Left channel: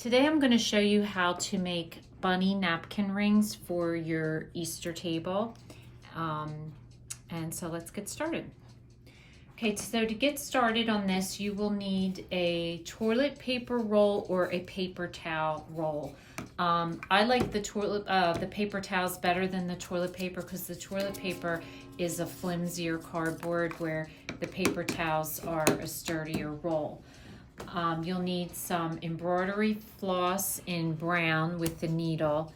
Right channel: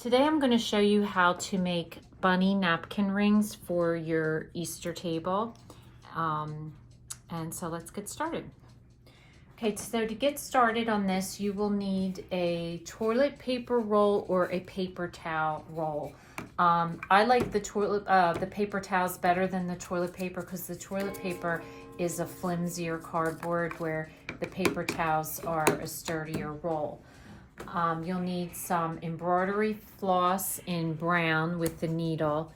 Today I'm going to show you how to make bunny napkin rings for your Easter table. And so let's get started. Okay, so to get started on this, you will need a toilet paper roll or a paper towel roll. I like the paper towels better than the toilet paper because the toilet paper is a flimsier cardboard where the paper towels are a sturdier roll. You'll need some embroidery floss in brown with the needle,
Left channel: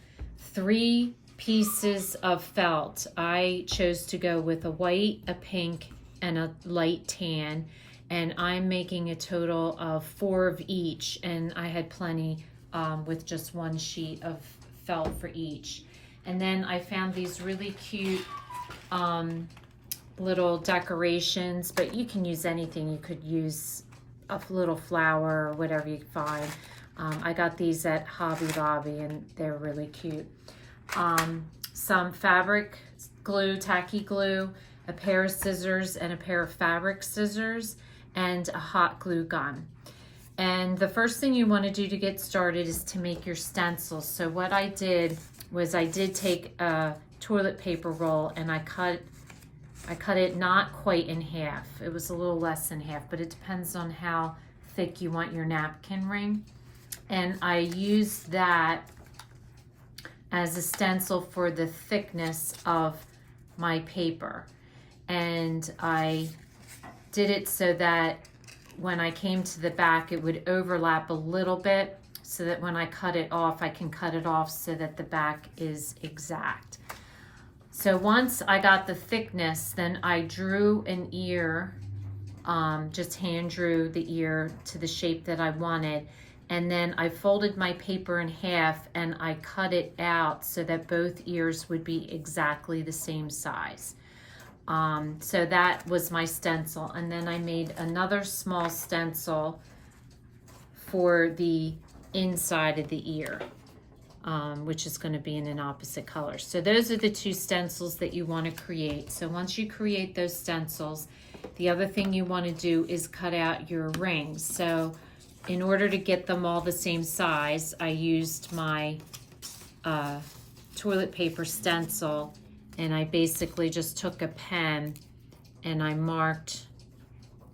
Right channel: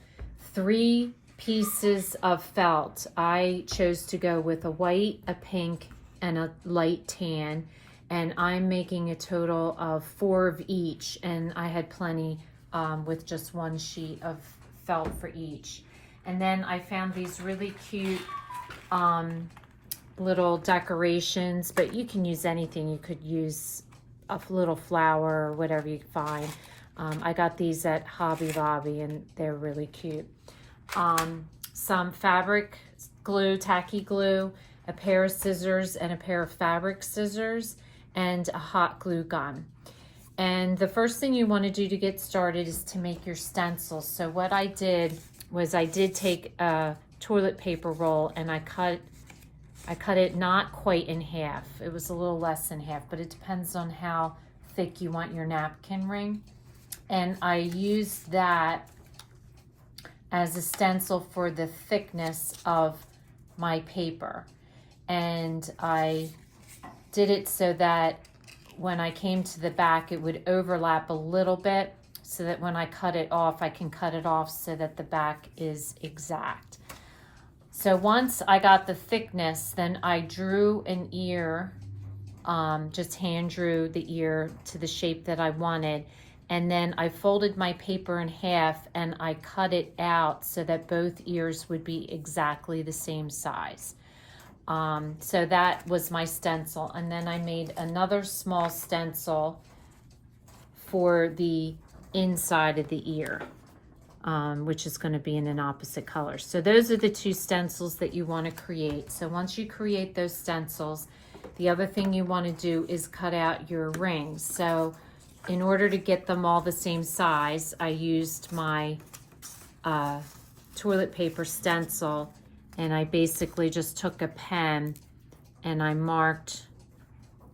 3 pieces of felt. I chose to go with a white, a pink, and a light tan, and I'm making a total of 4 of each, and I had plenty with just 1 sheet of felt for each. And then I found these really cute little decorations, but you can use anything. You could use a little flower or whatever you find. I got these at Hobby Lobby and they're really cute. Some fabric glue, tacky glue, a pair of scissors and a pair of fabric scissors, and a hot glue gun. And the first thing you want to do to get started is to make your stencils. So what I did was I did take a toilet paper roll and I cut it not quite in half. It was a little less than half, but it depends on how thick you want your napkin ring. And I used that as a stencil for the thickness of my paper. And I did it so that when I came to the back, it would overlap a little bit so that when I cut it off, I can cut it off so that the back is exact. So once I got the thickness, then I drew an ear, just hand drew the ear to the shape that I wanted. And then I folded my paper in half and I cut it out so that both ears would be exactly the same size. So that was my stencil. And then I made another small stencil for the inside of the ear. Which is going to be in an opposite color. So those are the 2 stencils that you want to create. So once you create those stencils, the other thing you want to do is cut out your rings. So in order to get them all the same size, I used my toilet paper stencil, and I basically just took a pen and I marked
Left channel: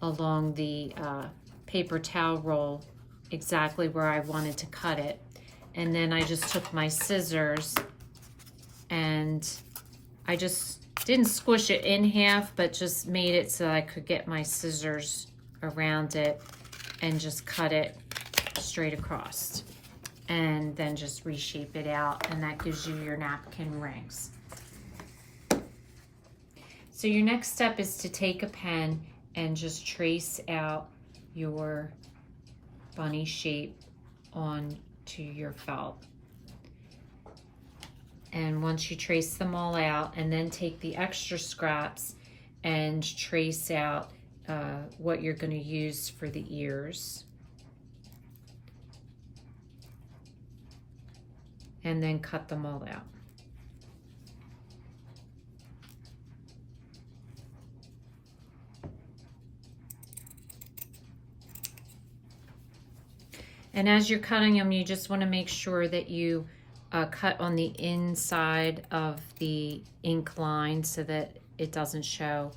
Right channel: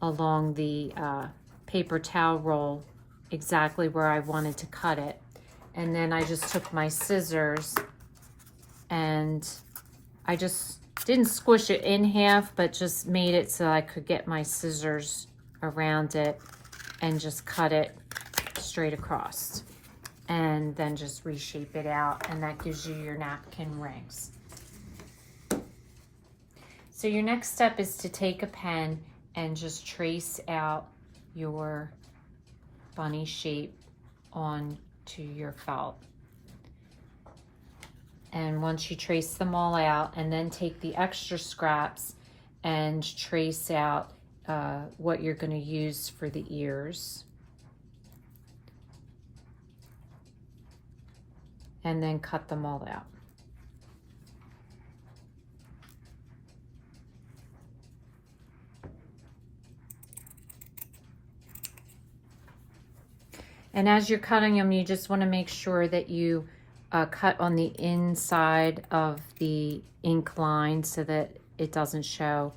along the paper towel roll exactly where I wanted to cut it. And then I just took my scissors and I just didn't squish it in half, but just made it so I could get my scissors around it and just cut it straight across. And then just reshape it out, and that gives you your napkin rings. So your next step is to take a pen and just trace out your bunny shape on to your felt. And once you trace them all out, and then take the extra scraps and trace out what you're going to use for the ears, and then cut them all out. And as you're cutting them, you just want to make sure that you cut on the inside of the ink line so that it doesn't show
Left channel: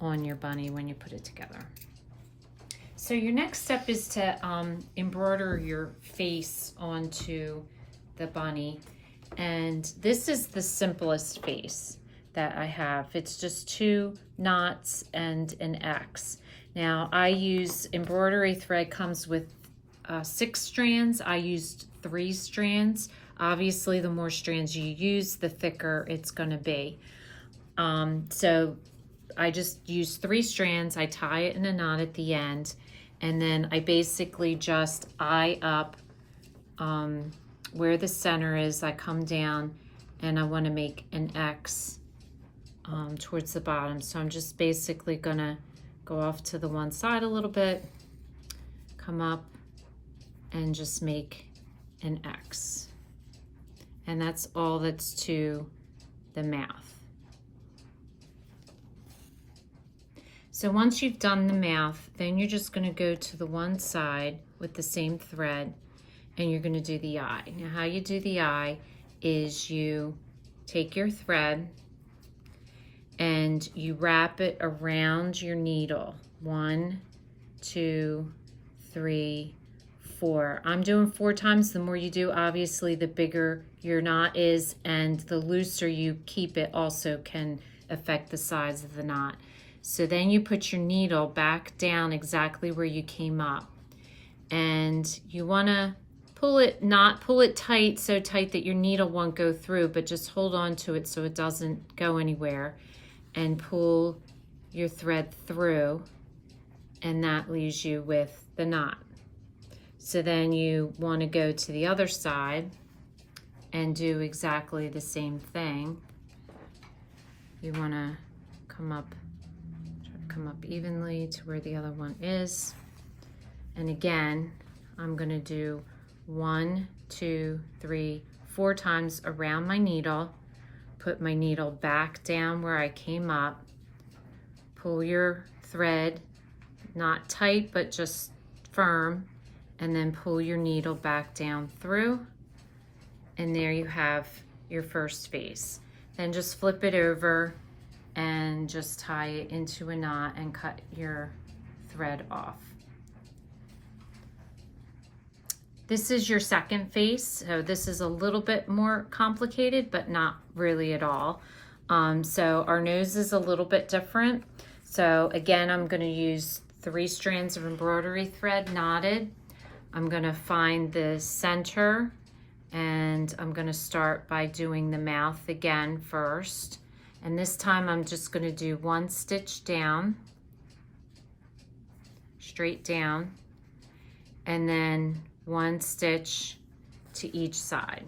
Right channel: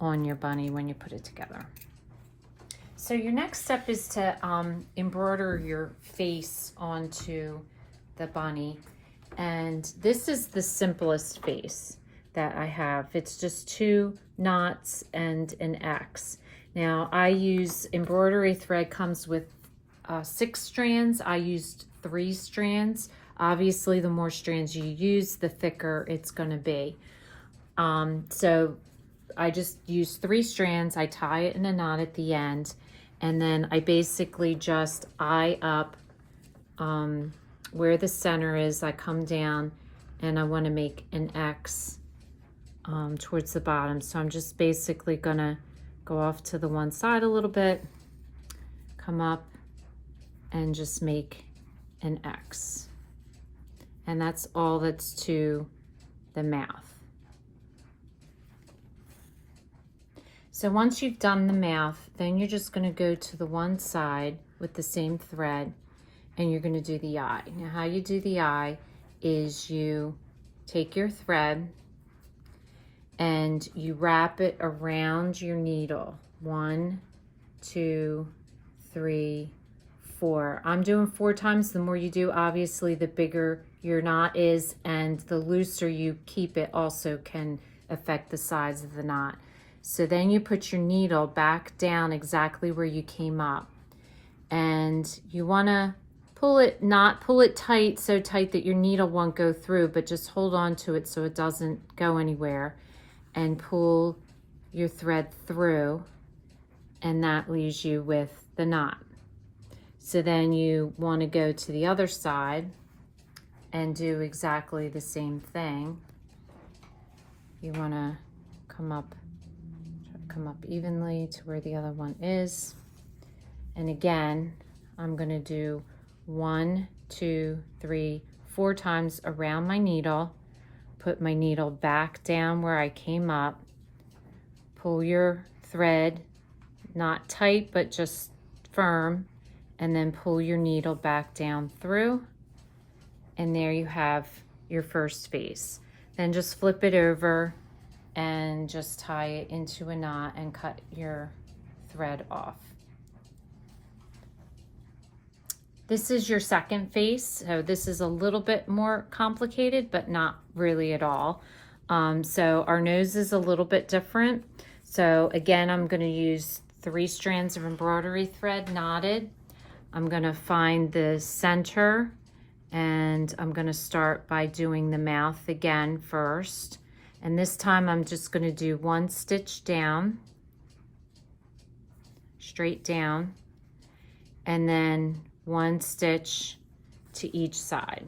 on your bunny when you put it together. So your next step is to embroider your face onto the bunny. And this is the simplest face that I have. It's just 2 knots and an X. Now I use embroidery thread, comes with 6 strands. I used 3 strands. Obviously, the more strands you use, the thicker it's going to be. So I just use 3 strands. I tie it in a knot at the end, and then I basically just eye up where the center is. I come down and I want to make an X towards the bottom. So I'm just basically going to go off to the one side a little bit, come up, and just make an X. And that's all that's to the mouth. So once you've done the mouth, then you're just going to go to the one side with the same thread and you're going to do the eye. Now how you do the eye is you take your thread and you wrap it around your needle. 1, 2, 3, 4. I'm doing 4 times. The more you do, obviously, the bigger your knot is, and the looser you keep it also can affect the size of the knot. So then you put your needle back down exactly where you came up, and you want to pull it, not pull it tight, so tight that your needle won't go through, but just hold on to it so it doesn't go anywhere, and pull your thread through, and that leaves you with the knot. So then you want to go to the other side and do exactly the same thing. You want to come up evenly to where the other one is. And again, I'm going to do 1, 2, 3, 4 times around my needle. Put my needle back down where I came up. Pull your thread, not tight, but just firm, and then pull your needle back down through. And there you have your first face. Then just flip it over and just tie it into a knot and cut your thread off. This is your second face, so this is a little bit more complicated, but not really at all. So our nose is a little bit different. So again, I'm going to use 3 strands of embroidery thread knotted. I'm going to find the center, and I'm going to start by doing the mouth again first. And this time I'm just going to do 1 stitch down, straight down, and then 1 stitch to each side.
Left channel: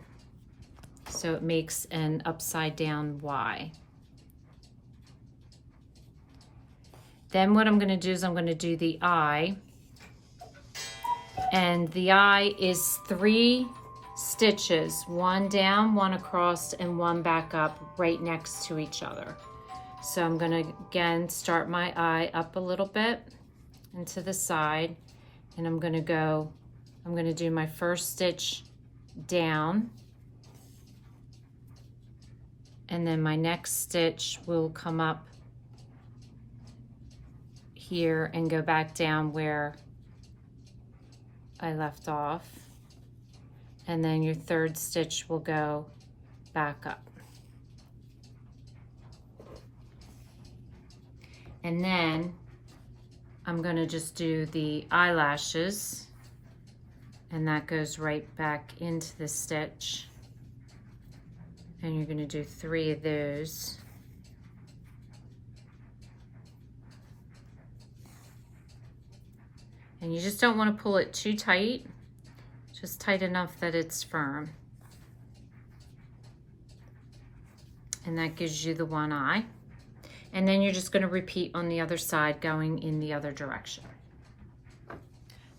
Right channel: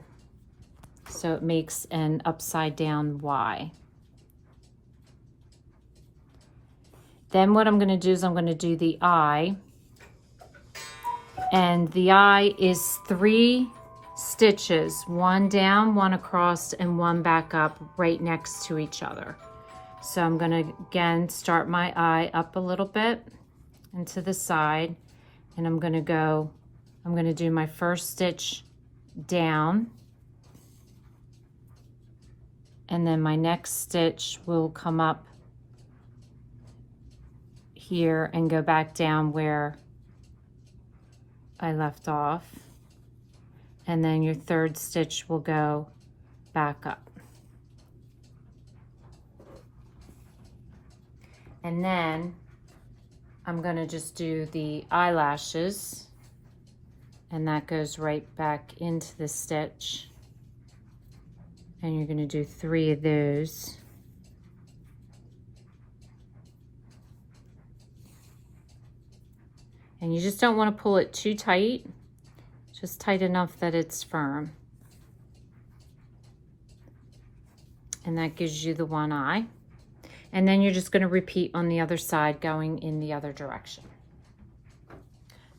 So it makes an upside down Y. Then what I'm going to do is I'm going to do the eye. And the eye is 3 stitches, 1 down, 1 across, and 1 back up right next to each other. So I'm going to again start my eye up a little bit and to the side, and I'm going to do my first stitch down, and then my next stitch will come up here and go back down where I left off, and then your third stitch will go back up. And then I'm going to just do the eyelashes, and that goes right back into the stitch, and you're going to do 3 of those. And you just don't want to pull it too tight, just tight enough that it's firm. And that gives you the 1 eye. And then you're just going to repeat on the other side, going in the other direction.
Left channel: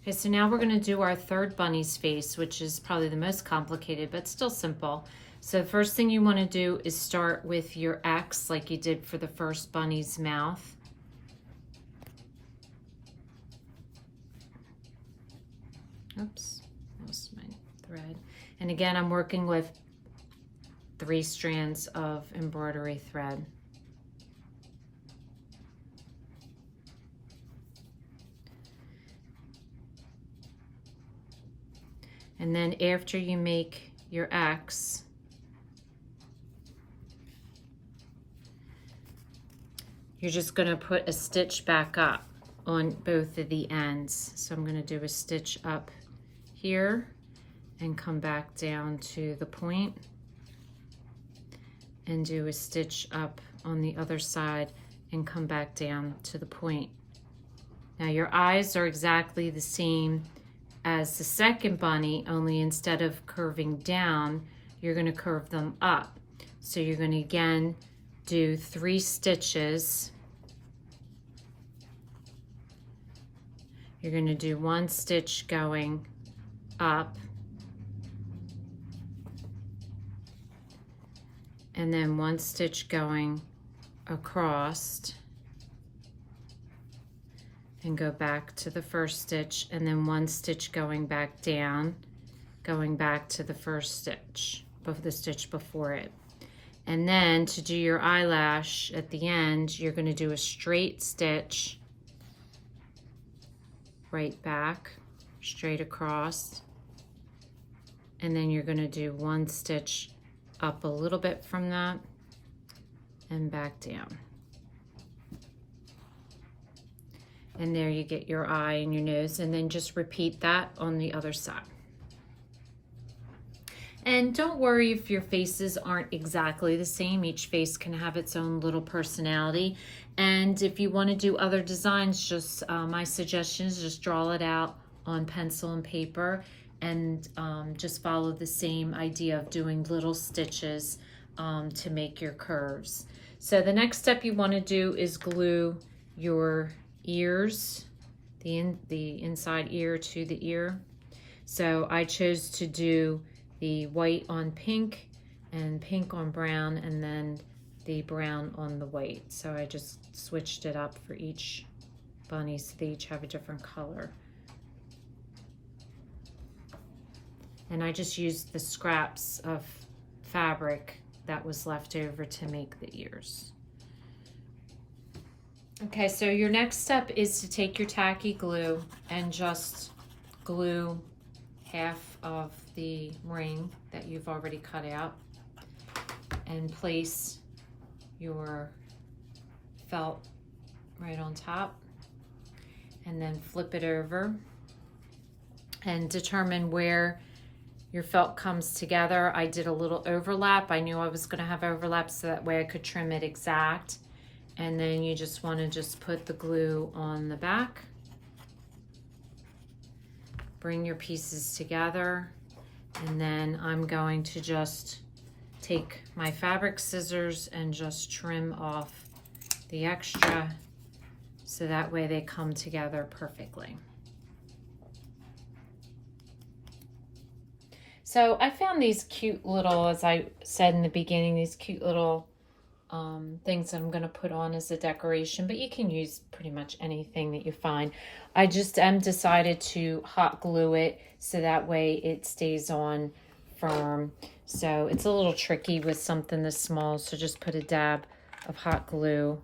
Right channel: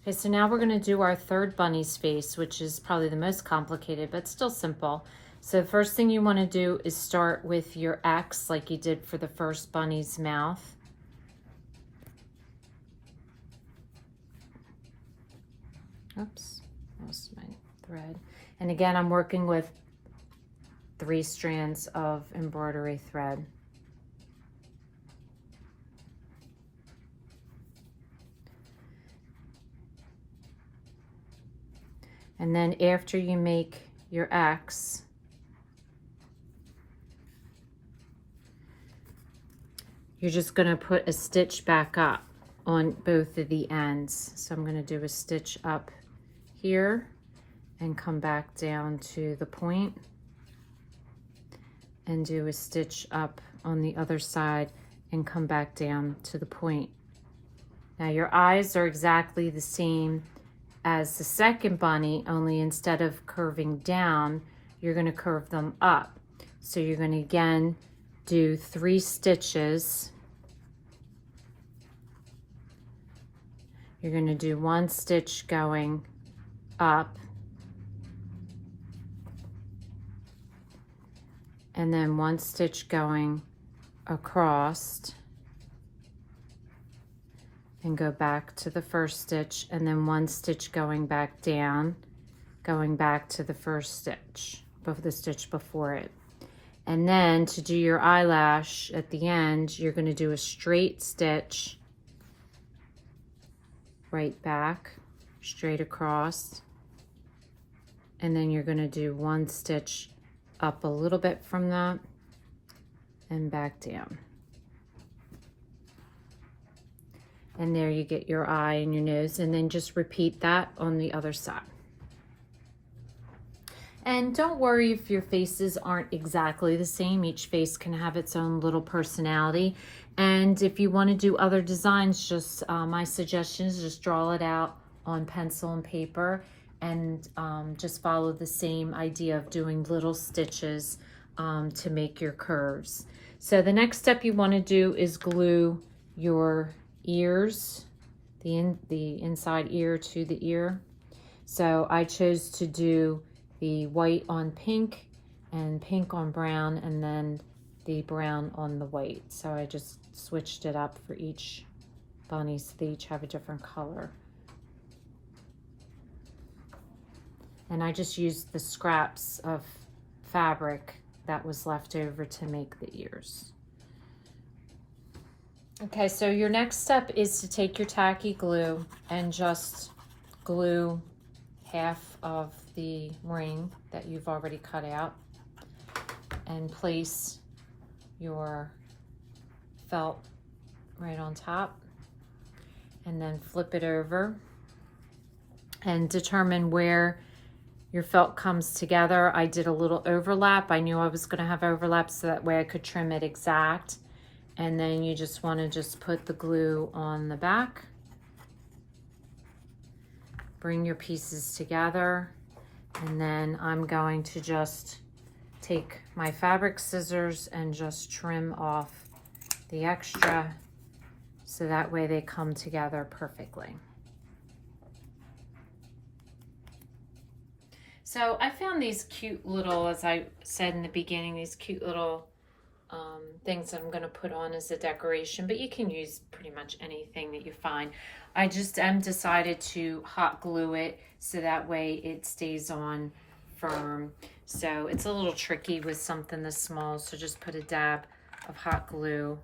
Okay, so now we're going to do our third bunny's face, which is probably the most complicated, but still simple. So the first thing you want to do is start with your X like you did for the first bunny's mouth. Oops, lost my thread. And again, I'm working with 3 strands of embroidery thread. And then after you make your X, you're just going to put a stitch back up on both of the ends. So I'm going to do a stitch up here and come back down to the point and do a stitch up on the other side and come back down to the point. Now your eyes are exactly the same as the second bunny, only instead of curving down, you're going to curve them up. So you're going to again do 3 stitches. You're going to do 1 stitch going up, and then 1 stitch going across, and go back to the first stitch, and then 1 stitch going back down, going back to the first stitch, the stitch before it. And then to do your eyelash at the end, you're going to do a straight stitch right back, straight across, and then you're going to do one stitch up a little bit from that and back down. And there you get your eye and your nose, and then just repeat that on the other side. And don't worry if your faces aren't exactly the same. Each face can have its own little personality. And if you want to do other designs, just my suggestion is just draw it out on pencil and paper, and just follow the same idea of doing little stitches to make your curves. So the next step you want to do is glue your ears, the inside ear to the ear. So I chose to do the white on pink and pink on brown, and then the brown on the white. So I just switched it up for each bunny so they each have a different color. And I just used the scraps of fabric that was left over to make the ears. Okay, so your next step is to take your tacky glue and just glue half of the ring that you've already cut out, and place your felt right on top, and then flip it over and determine where your felt comes together. I did a little overlap. I knew I was going to have overlap so that way I could trim it exact. And then you just want to just put the glue on the back, bring your pieces together, and then I'm going to just take my fabric scissors and just trim off the extra so that way they come together perfectly. So I found these cute little, as I said in the beginning, these cute little things that I'm going to put on as a decoration, but you can use pretty much anything that you find. I just decided to hot glue it so that way it stays on firm. So it's a little tricky with something this small, so just put a dab of hot glue,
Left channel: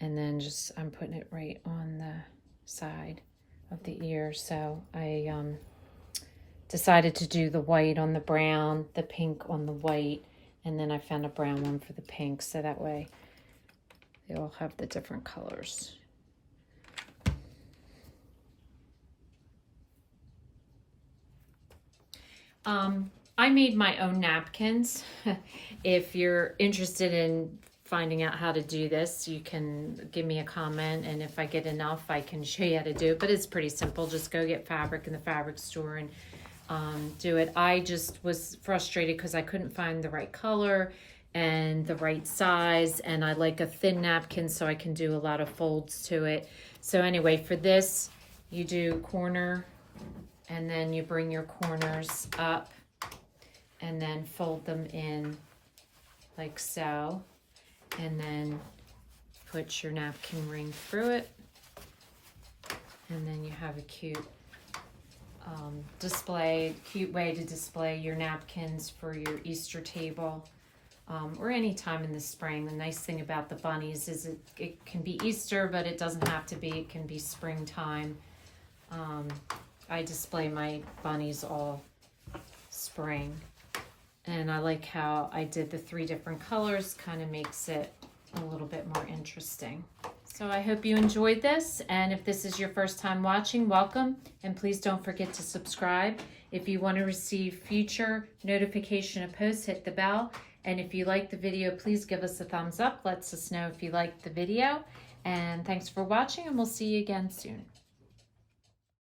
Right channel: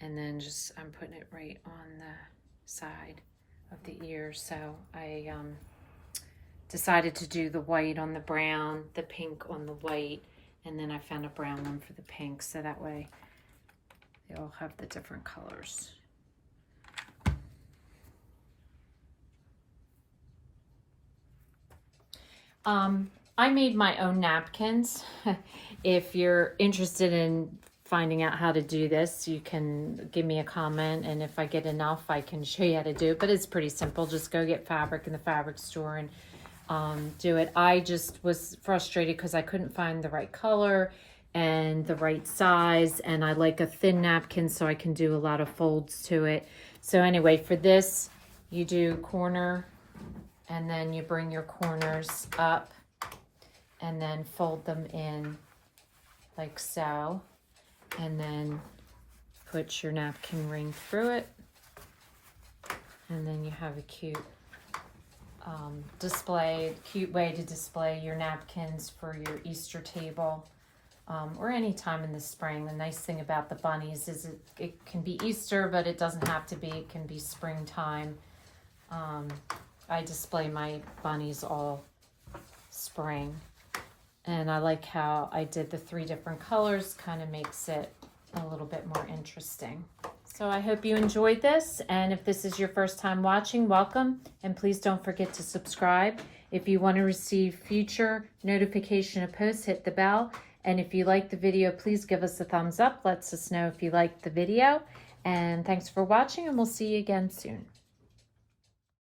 and then just I'm putting it right on the side of the ear. So I decided to do the white on the brown, the pink on the white, and then I found a brown one for the pink, so that way they all have the different colors. I made my own napkins. If you're interested in finding out how to do this, you can give me a comment, and if I get enough, I can show you how to do it. But it's pretty simple. Just go get fabric in the fabric store and do it. I just was frustrated because I couldn't find the right color and the right size, and I like a thin napkin so I can do a lot of folds to it. So anyway, for this, you do corner, and then you bring your corners up and then fold them in like so, and then put your napkin ring through it, and then you have a cute cute way to display your napkins for your Easter table, or any time in the spring. The nice thing about the bunnies is it can be Easter, but it doesn't have to be. It can be springtime. I display my bunnies all spring, and I like how I did the 3 different colors. Kind of makes it a little bit more interesting. So I hope you enjoyed this, and if this is your first time watching, welcome, and please don't forget to subscribe. If you want to receive future notification of posts, hit the bell, and if you like the video, please give us a thumbs up. Lets us know if you liked the video, and thanks for watching, and we'll see you again soon.